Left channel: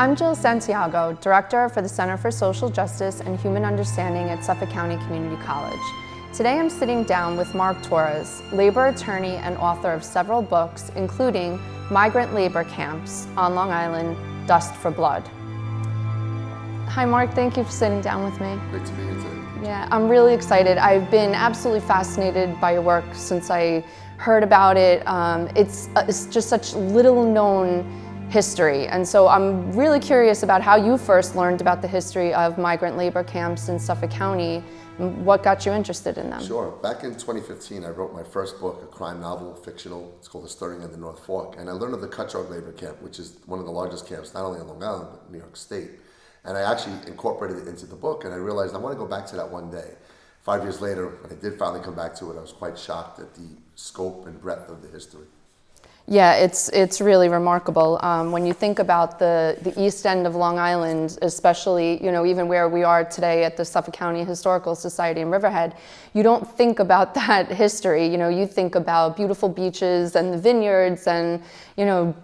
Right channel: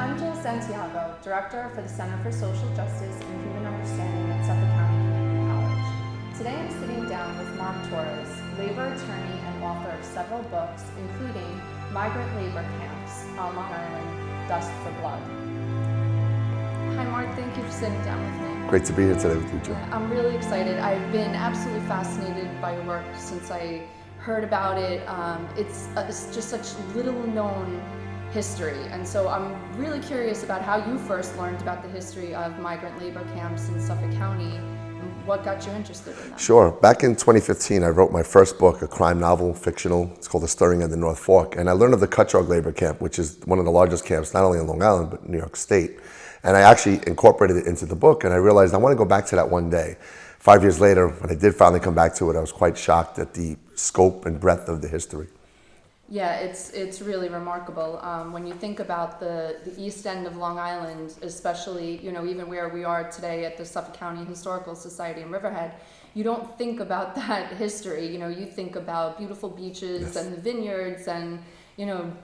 I'm Jill Santiago, Director for the Center for Social Justice and Human Understanding at Suffolk County Community College. Today I'm sitting down with Mark Torres, labor attorney and author of several books, including Migrant Labor Camps on Long Island, Dust for Blood. Hi Mark, thank you for sitting down with me. Great to be here today with you. Yeah, I'm really excited. I've been absolutely fascinated by your work since I heard about it. It's just such little known history, and so I'm really curious about how you first learned about the history of migrant labor camps in Suffolk County and what got you interested in them. Sure. Back in 2015, I wrote my first book, a crime novel, fictional. It's called The Stirring of the North Fork, and I learned of the Cutchogue Labor Camp, which is one of the largest camps, not only in Long Island, but New York State. And I actually incorporated it into the book, and I realized I want to go back to that one day. 5 years later, when I did finally come back to it, I was quite shocked at the scope and breadth of the history. Yeah, it's really remarkable. When you think about the East End of Long Island, especially, even where we are today at the Suffolk County Historical Society in Riverhead, you don't think about that history. You think about beautiful beaches and the vineyards and,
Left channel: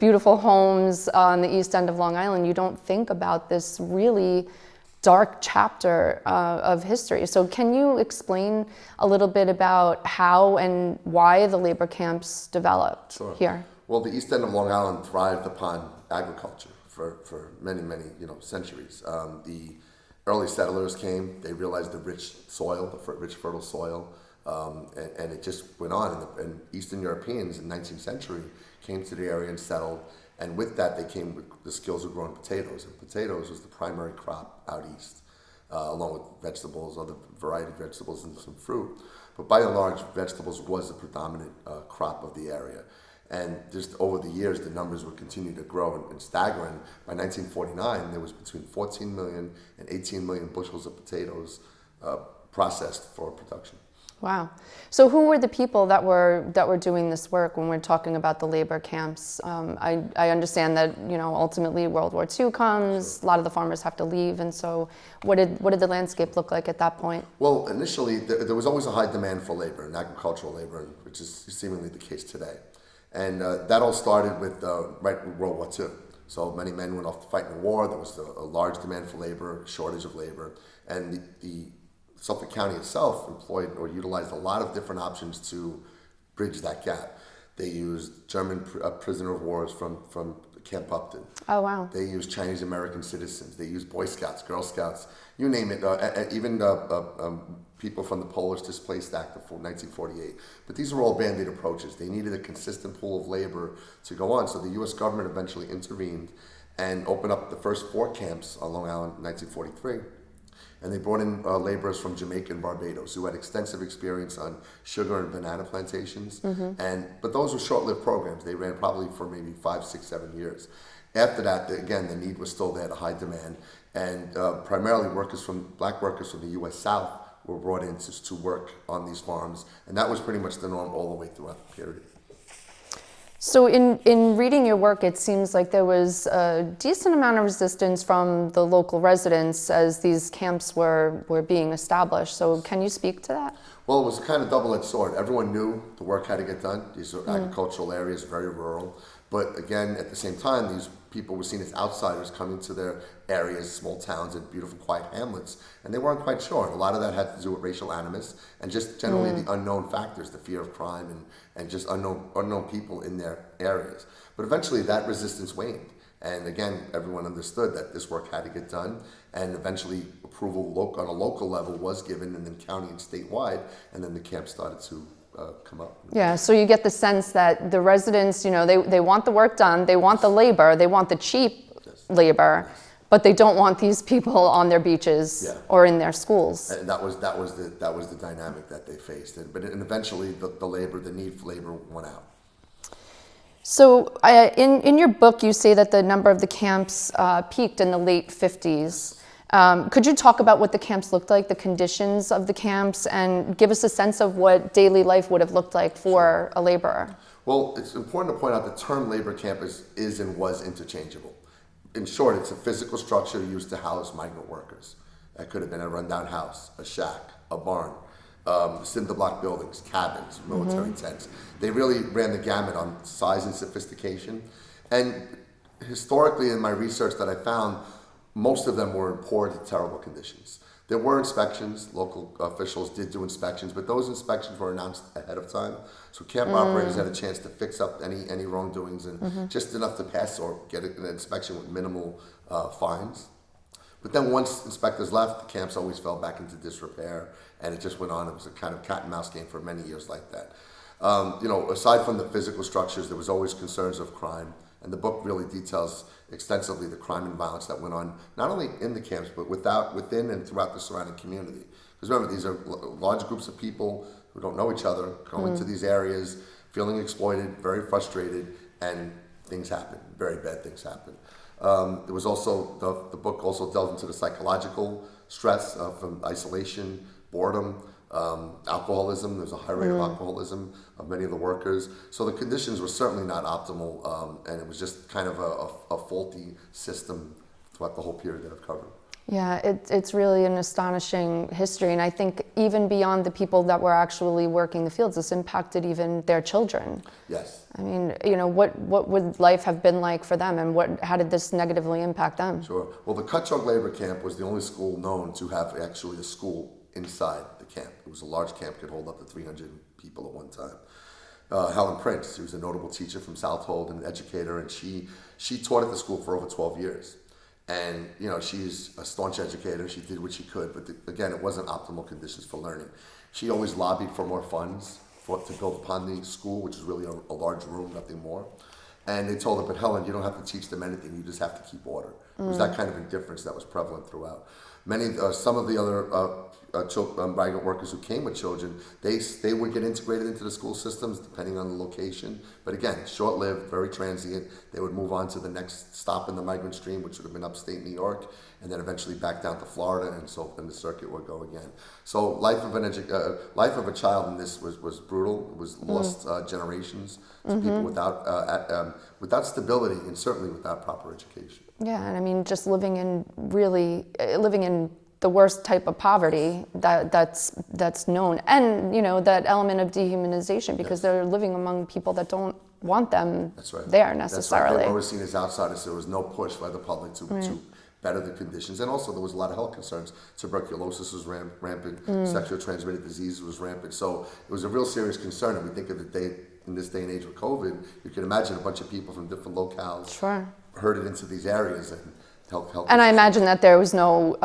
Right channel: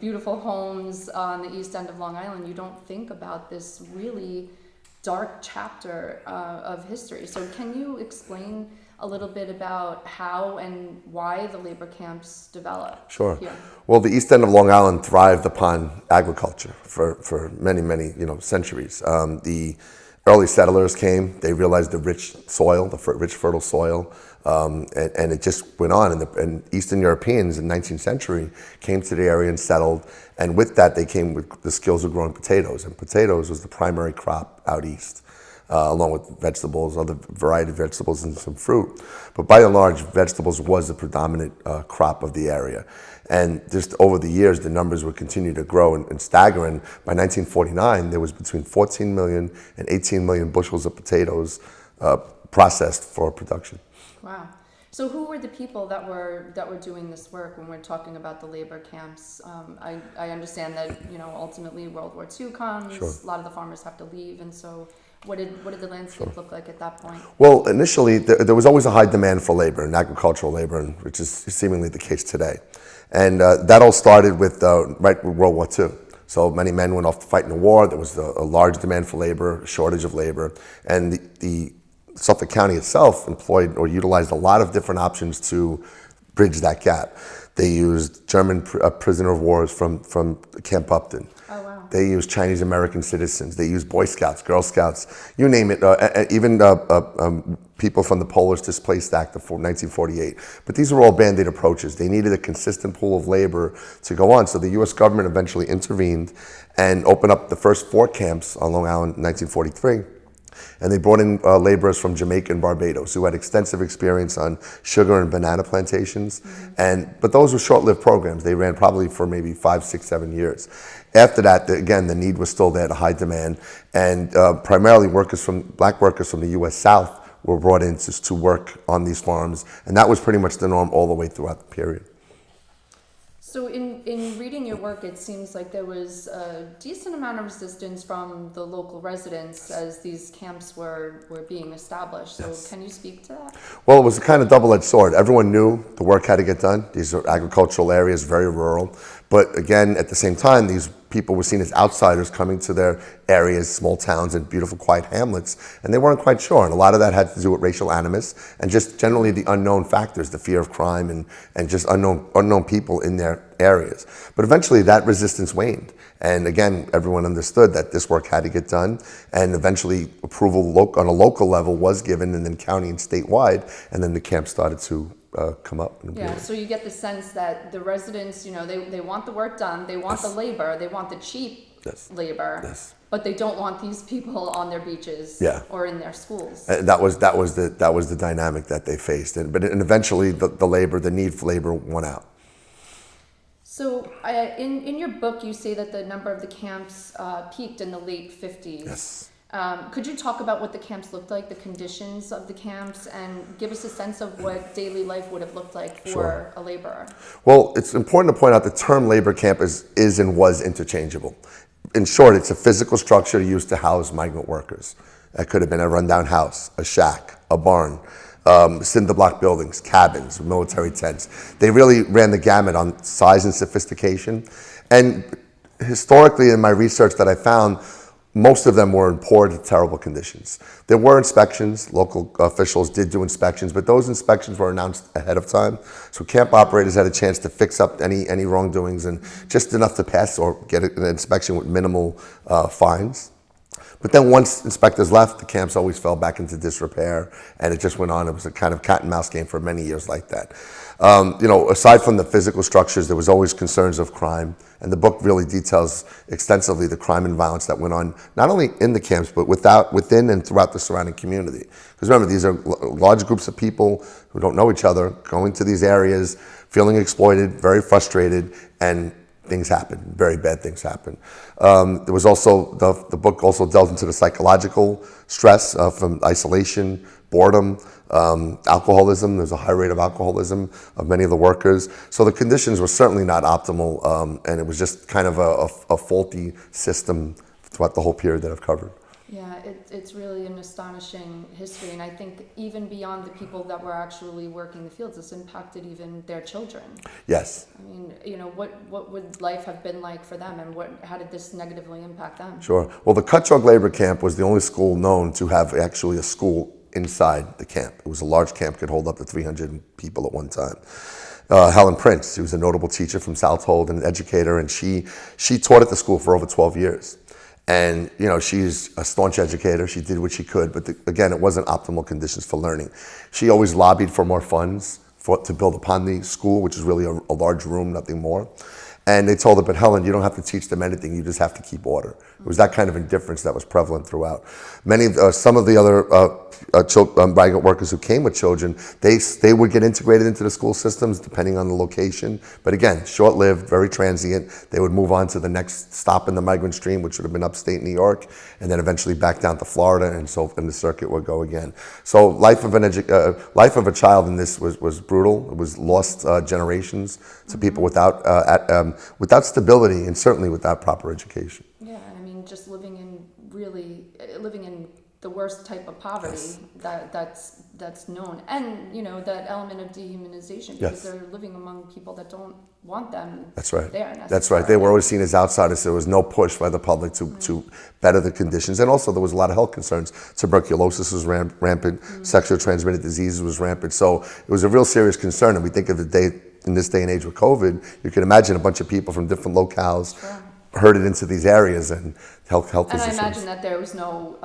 beautiful homes on the East End of Long Island. You don't think about this really dark chapter of history. So can you explain a little bit about how and why the labor camps developed here? Well, the East End of Long Island thrived upon agriculture for many, centuries. The early settlers came, they realized the rich soil, the rich fertile soil, and it just went on. And Eastern Europeans in the 19th century came to the area and settled, and with that they came with the skills of growing potatoes, and potatoes was the primary crop out east. Along with vegetables, other variety of vegetables and some fruit. But by and large, vegetables was the predominant crop of the area. And just over the years, the numbers would continue to grow and stagger. And by 1949, there was between 14 million and 18 million bushels of potatoes processed for production. Wow. So who were the people that were doing this work when we're talking about the labor camps? I understand that ultimately World War II comes, a lot of the farmers have to leave, and so what did the landscape look like at that point? Well, initially there was always a high demand for labor and agricultural labor, which is seemingly the case today. And that all started with with World War II. So many men went off to fight in the war. There was a large demand for labor, a shortage of labor, and the Suffolk County itself employed or utilized a lot of different options to bridge that gap. They used German prisoner of wars from Camp Upton. Oh, wow. They used Chinese American citizens. They used Boy Scouts, Girl Scouts, you name it, even people from the Polish Displaced Act of 1948. But these were all Band-Aid approaches. They needed a consistent pool of labor to go on. So the U.S. government eventually intervened and opened up the first 4 camps on Long Island in 1943. And they brought in laborers from Jamaica and Barbados who had extensive experience on sugar and banana plantations. But those were short-lived programs. They ran probably for maybe 5, 6, 7 years. After that, again, the need was still there, the high demand, and primarily black workers from the U.S. South were brought in to work on these farms, and that was pretty much the norm all the way throughout the period. So in reading your work, it seems like there was a decent amount of resistance from the local residents as these camps were being established. So can you speak to that? Well, it was a kind of double-edged sword. Everyone knew the work had to get done. These are agricultural areas, very rural. But again, at the same time, these people were seen as outsiders coming to their areas, small towns and beautiful, quiet hamlets, and they weren't quite sure. And a lot of that had to do with racial animus and just generally the unknown factors, the fear of crime and just unknown people in their areas. But eventually that resistance waned. And again, everyone understood that this work had to get done, and eventually approval on a local level was given, and then county and statewide, and then the camp started to come up. Yeah, so you get the sense that the residents, they want the work done, they want the labor, they want the cheap labor, but they don't want these people on their beaches or in their schools. And that was the dynamic that they faced, and eventually the need for labor won out. So in your book, you say that the number of the camps peaked in the late 50s. Could you talk about what the camps looked like, the conditions of the camps, and give us a sense of what daily life would have looked like for a laborer? Well, it's important to point out the term labor camp is and was interchangeable. In short, it's a physical structure used to house migrant workers. That could have been a rundown house, a shack, a barn, cinder block buildings, cabins, military tents. They really ran the gamut on size and sophistication. And historically, in my research that I found, most of them were in poor to terrible conditions. There were inspections. Local officials did do inspections, but those inspections were announced ahead of time. So camp operators had a chance to fix up any wrongdoings and just enough to pass or get an inspection with minimal fines. But then once inspectors left, the camps always fell back into disrepair, and it just went on. It was a kind of cat and mouse game for many years like that. Aside from the physical structures, there was always concerns of crime, and the book really details extensively the crime and violence that went on, not only in the camps, but within and throughout the surrounding community. Because remember, these are large groups of people who don't know each other, going to these areas, feeling exploited, very frustrated, and things happen, very bad things happen. There was also, the book also delved into the psychological stress from isolation, boredom, alcoholism. There's a high rate of alcoholism of many of the workers. So the conditions were certainly not optimal, and it was just kind of a faulty system throughout the whole period that I've covered. Yeah, it's really an astonishing history, and I think even beyond the people that were actually working the fields, this impacted even their children. Yes. I mean, what would life have been like for them, and how did this negatively impact them? Sure. Well, the Cutchogue Labor Camp was the only school known to have actually a school inside the camp. It was a large camp, could hold up to 300 people at one time. Helen Prince, she was a notable teacher from Southold and an educator, and she taught at the school for over 12 years. And she's a staunch educator. She did what she could, but again, it wasn't optimal conditions for learning. She always lobbied for more funds to build upon the school, which is really a large room, nothing more. And they told her, but Helen, you don't have to teach them anything. You just have to keep order. It was that kind of indifference that was prevalent throughout. Some of the other migrant workers who came with children, they would get integrated into the school systems depending on the location. But again, short-lived, very transient. They would move on to the next stop in the migrant stream, which would have been upstate New York, and then eventually back down to Florida, and so the circuit would go again. So life of a child in this was brutal. It was lost generations to people without stability and certainly without proper education. Yeah, and I mean, just living in the worst type of poverty that's known, and that element of dehumanization, because they're living among people that don't want them there necessarily. That's right. They were always seen as outsiders. There was no push by the public to better the conditions, and also there was a lot of health concerns. Tuberculosis was rampant, sexually transmitted diseases was rampant. So it was a real serious concern, and we think of in this day and age with COVID, you can imagine a bunch of people from different locales herded into these areas and health. And I imagine that there was no,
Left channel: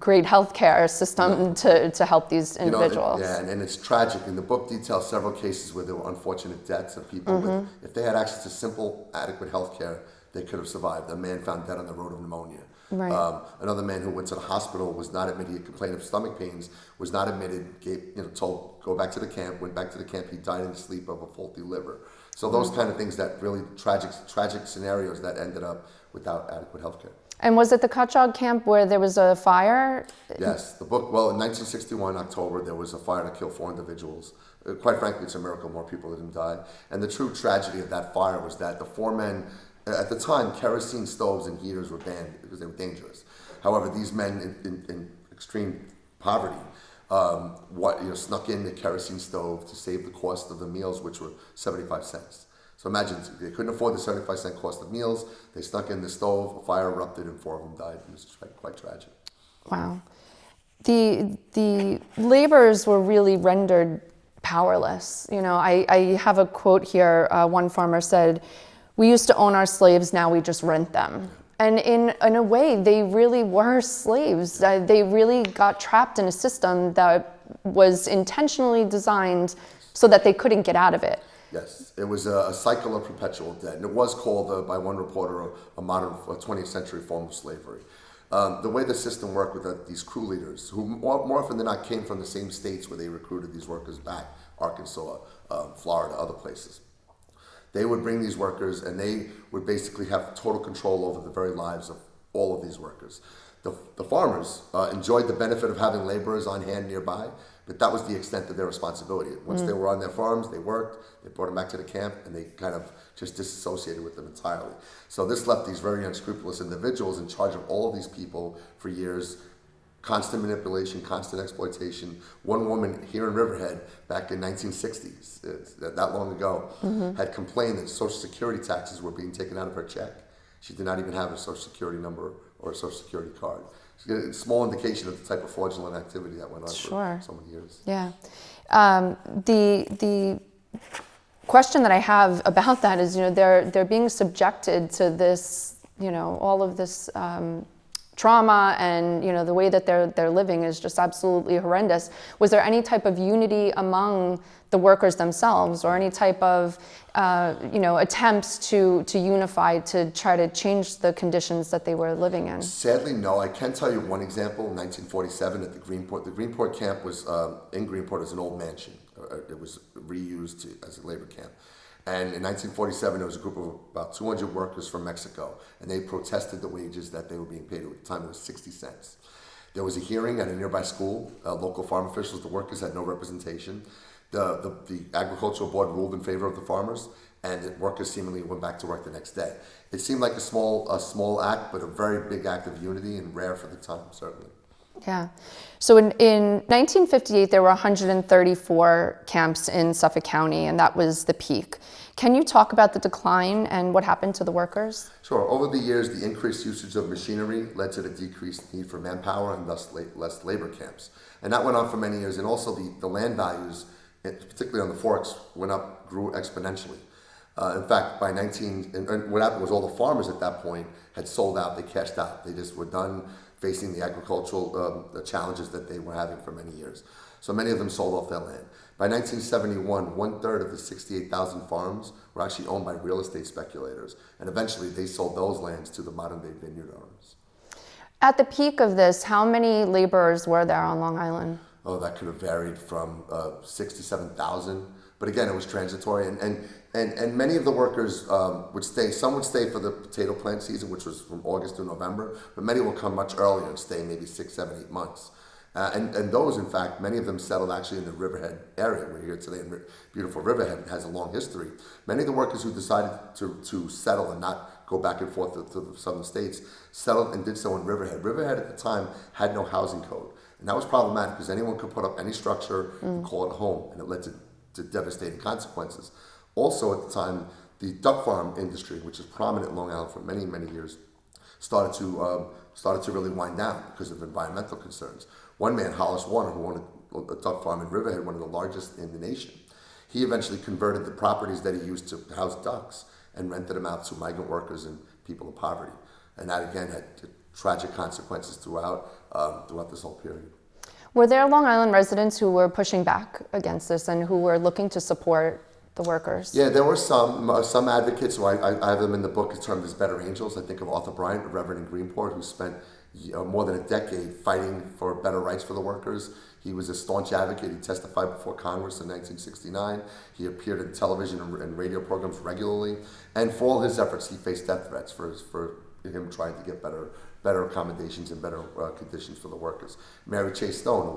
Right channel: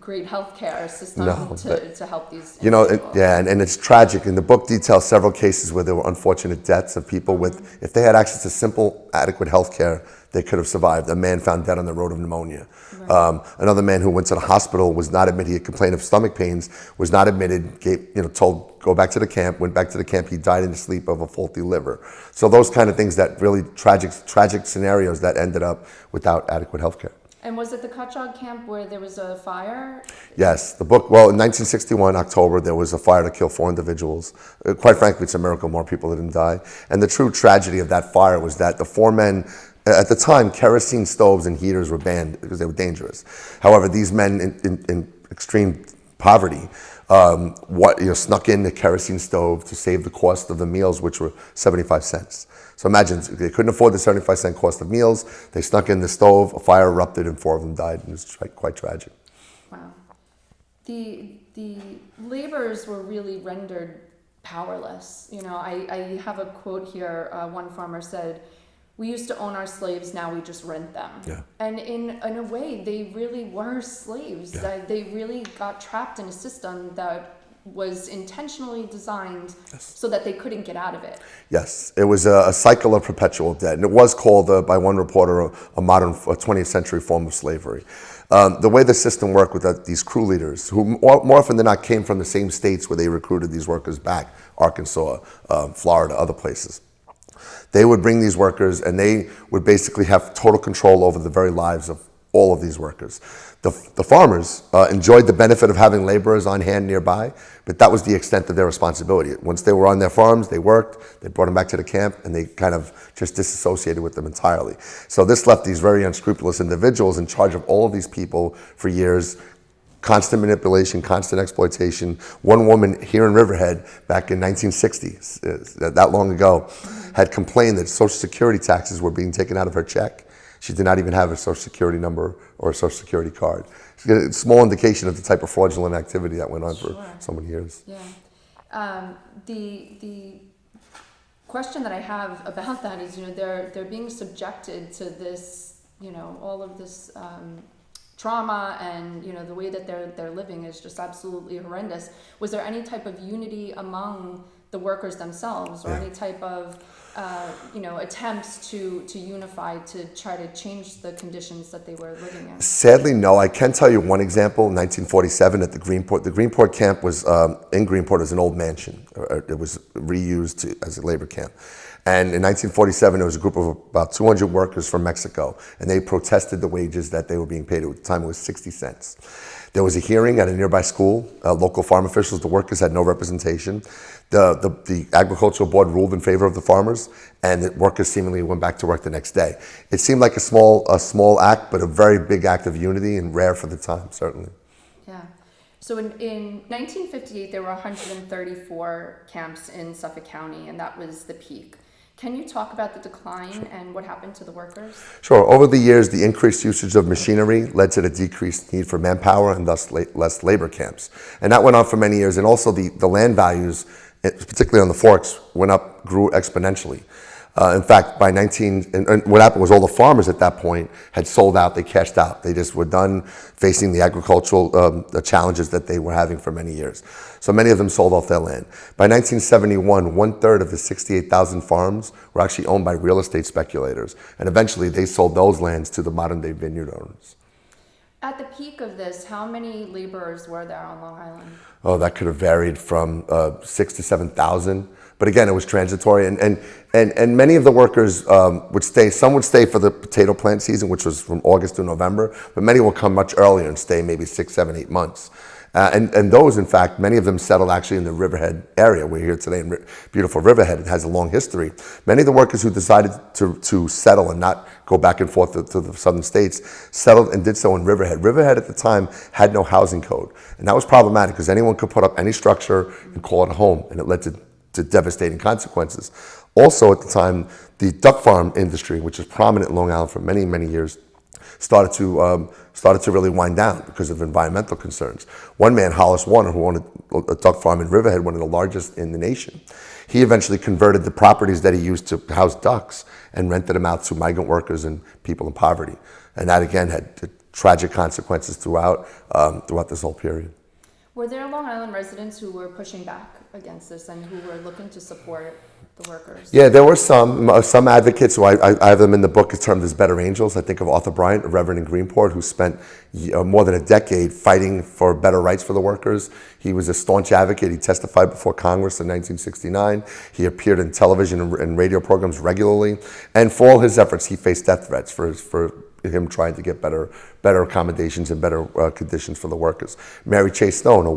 great healthcare system to help these individuals. And it's tragic. And the book details several cases where there were unfortunate deaths of people if they had access to simple, adequate healthcare, they could have survived. A man found dead on the road of pneumonia. Right. Another man who went to the hospital was not admitted. He had complained of stomach pains, was not admitted, told go back to the camp, went back to the camp. He died in his sleep of a faulty liver. So those kind of things, that really tragic scenarios that ended up without adequate health care. And was it the Cutchogue camp where there was a fire? Yes, in 1961, October, there was a fire that killed 4 individuals. Quite frankly, it's a miracle more people didn't die. And the true tragedy of that fire was that the 4 men, at the time, kerosene stoves and heaters were banned because they were dangerous. However, these men in extreme poverty snuck in the kerosene stove to save the cost of the meals, which were 75 cents. So imagine, they couldn't afford the 75-cent cost of meals. They snuck in the stove, a fire erupted, and 4 of them died. It was quite tragic. Wow. The laborers were really rendered powerless. I have a quote here. One farmer said, "We used to own our slaves, now we just rent them." Yeah. And in a way, they really were slaves. Yeah. They really got trapped in a system that was intentionally designed so that they couldn't get out of it. Yes, it was a cycle of perpetual debt. And it was called, by one reporter, a modern 20th century form of slavery. The way the system worked with these crew leaders, who more often than not came from the same states where they recruited these workers back, Arkansas, Florida, other places. They would bring these workers, and they would basically have total control over the very lives of all of these workers. The farmers enjoyed the benefit of having laborers on hand nearby, but that was the extent of their responsibility. Once they were on their farms, they worked, they brought them back to the camp, and they kind of just disassociated with them entirely. So this left these very unscrupulous individuals in charge of all of these people for years, constant manipulation, constant exploitation. One woman here in Riverhead back in 1960, that long ago, had complained that Social Security taxes were being taken out of her check. She did not even have a Social Security number or a Social Security card. It's a small indication of the type of fraudulent activity that went on for so many years. Yeah. The question that I have about that is, they're being subjected to this, all of this trauma, and the way that they're living is just absolutely horrendous. Was there any type of unity among the workers themselves, or any type of attempts to unify to try to change the conditions that they were living in? Sadly, no. I can tell you one example. In 1947 at the Greenport. The Greenport camp was in Greenport as an old mansion. It was reused as a labor camp. And in 1947, there was a group of about 200 workers from Mexico, and they protested the wages that they were being paid. At the time, it was 60 cents. There was a hearing at a nearby school. Local farm officials, the workers had no representation. The agricultural board ruled in favor of the farmers, and the workers seemingly went back to work the next day. It seemed like a small act, but a very big act of unity, and rare for the time, certainly. Yeah. So in 1958, there were 134 camps in Suffolk County, and that was the peak. Can you talk about the decline and what happened to the workers? Sure. Over the years, the increased usage of machinery led to the decreased need for manpower and thus less labor camps. And that went on for many years. And also the land values, particularly on the forks, grew exponentially. In fact, and what happened was all the farmers at that point had sold out, they cashed out. They just were done facing the agricultural the challenges that they were having for many years. So many of them sold off their land. By 1971, 1/3 of the 68,000 farms were actually owned by real estate speculators. And eventually they sold those lands to the modern day vineyard owners. At the peak of this, how many laborers were there on Long Island? Oh, that could have varied from 6,000 to 7,000. But again, it was transitory, and many of the workers would stay. Some would stay for the potato plant season, which was from August to November, but many will come much earlier and stay maybe 6, 7, 8 months. And those, in fact, many of them settled actually in the Riverhead area. We're here today in beautiful Riverhead. It has a long history. Many of the workers who decided to settle and not go back and forth to the southern states settled and did so in Riverhead. Riverhead at the time had no housing code, and that was problematic because anyone could put up any structure and call it a home, and it led to devastating consequences. Also at the time, the duck farm industry, which is prominent in Long Island for many, many years, started to really wind down because of environmental concerns. One man, Hollis Warner, who owned a duck farm in Riverhead, one of the largest in the nation, he eventually converted the properties that he used to house ducks and rented them out to migrant workers and people in poverty. And that again had tragic consequences throughout this whole period. Were there Long Island residents who were pushing back against this and who were looking to support the workers? Yeah, there were some advocates who I have them in the book as termed as better angels. I think of Arthur Bryant, a reverend in Greenport, who spent more than a decade fighting for better rights for the workers. He was a staunch advocate. He testified before Congress in 1969. He appeared in television and radio programs regularly. And for all his efforts, he faced death threats for him trying to get better accommodations and better conditions for the workers. Mary Chase Stone, a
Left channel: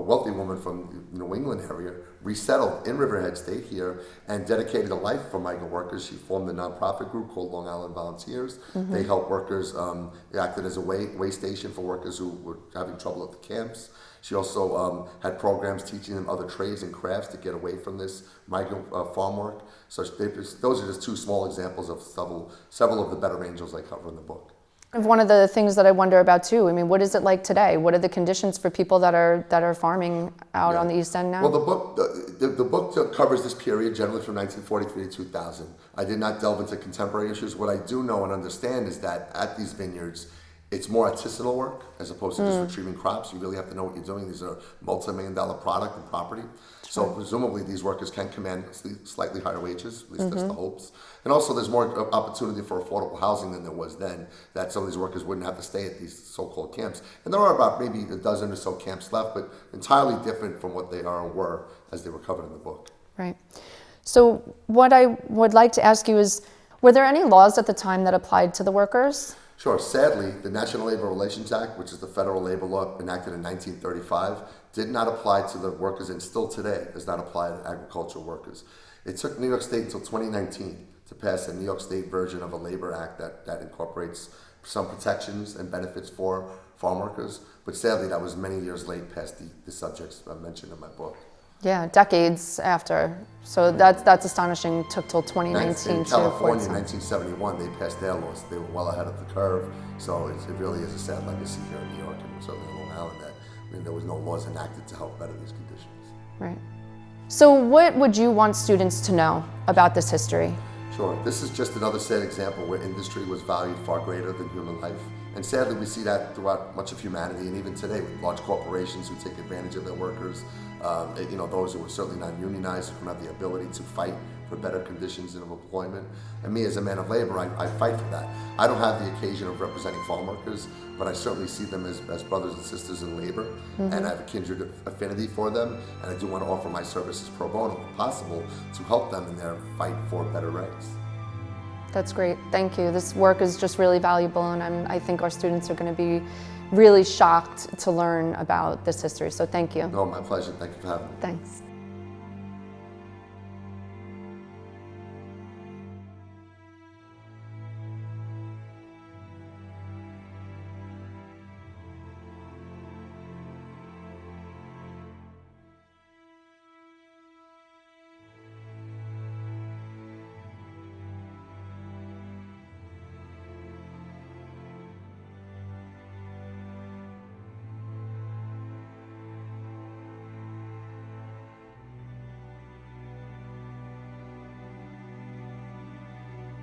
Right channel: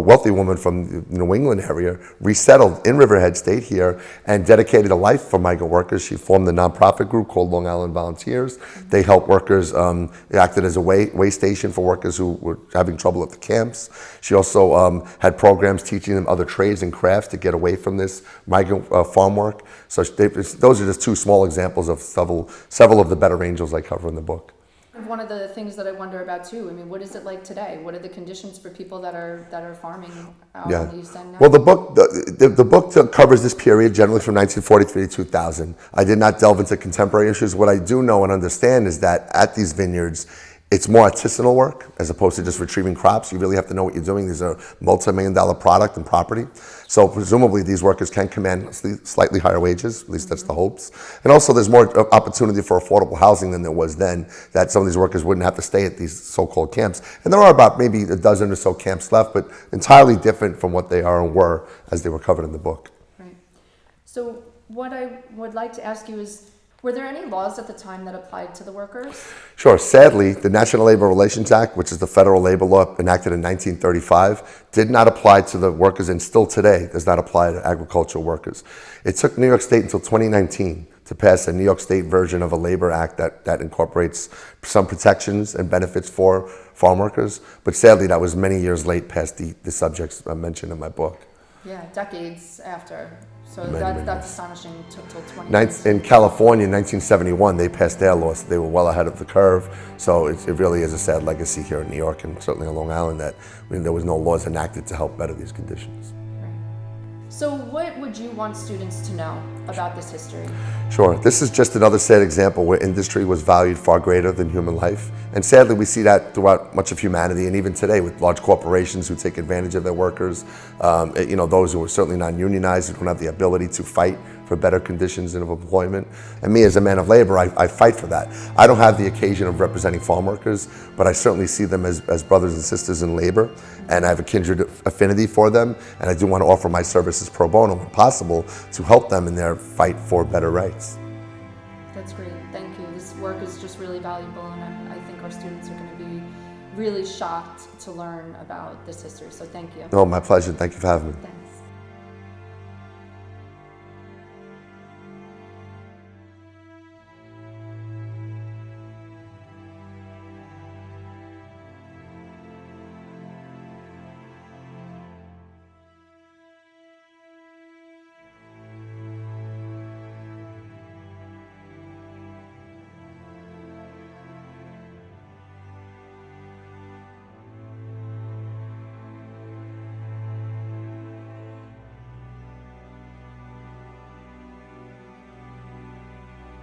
wealthy woman from the New England area, resettled in Riverhead, stayed here, and dedicated a life for migrant workers. She formed a nonprofit group called Long Island Volunteers. Mm-hmm. They helped workers, they acted as a way station for workers who were having trouble at the camps. She also had programs teaching them other trades and crafts to get away from this migrant farm work. So those are just two small examples of several of the better angels I cover in the book. One of the things that I wonder about too, I mean, what is it like today? What are the conditions for people that are farming out on the East End now? Well, the book covers this period, generally from 1943 to 2000. I did not delve into contemporary issues. What I do know and understand is that at these vineyards, it's more artisanal work as opposed to just retrieving crops. You really have to know what you're doing. These are multi-million-dollar product and property. So presumably these workers can command slightly higher wages, at least that's the hopes. And also there's more opportunity for affordable housing than there was then, that some of these workers wouldn't have to stay at these so-called camps. And there are about maybe a dozen or so camps left, but entirely different from what they are and were as they were covered in the book. Right. So what I would like to ask you is, were there any laws at the time that applied to the workers? Sure. Sadly, the National Labor Relations Act, which is the federal labor law enacted in 1935, did not apply to the workers and still today does not apply to agricultural workers. It took New York State until 2019 to pass a New York State version of a labor act that incorporates some protections and benefits for farm workers. But sadly, that was many years late past the subjects I mentioned in my book. Yeah, decades after. So that's astonishing. It took till 2019. In California, in 1971, they passed their laws. They were well ahead of the curve. So it really is a sad legacy here in New York and certainly on Long Island that there was no laws enacted to help better these conditions. Right. So what would you want students to know about this history? Sure. This is just another sad example where industry was valued far greater than human life. And sadly, we see that throughout much of humanity, and even today with large corporations who take advantage of their workers, those who are certainly not unionized, who don't have the ability to fight for better conditions of employment. And me as a man of labor, I fight for that. I don't have the occasion of representing farm workers, but I certainly see them as brothers and sisters in labor, and I have a kindred affinity for them, and I do want to offer my services pro bono when possible to help them in their fight for better rights. That's great. Thank you. This work is just really valuable, and I think our students are going to be really shocked to learn about this history. So thank you. No, my pleasure. Thank you for having me. Thanks.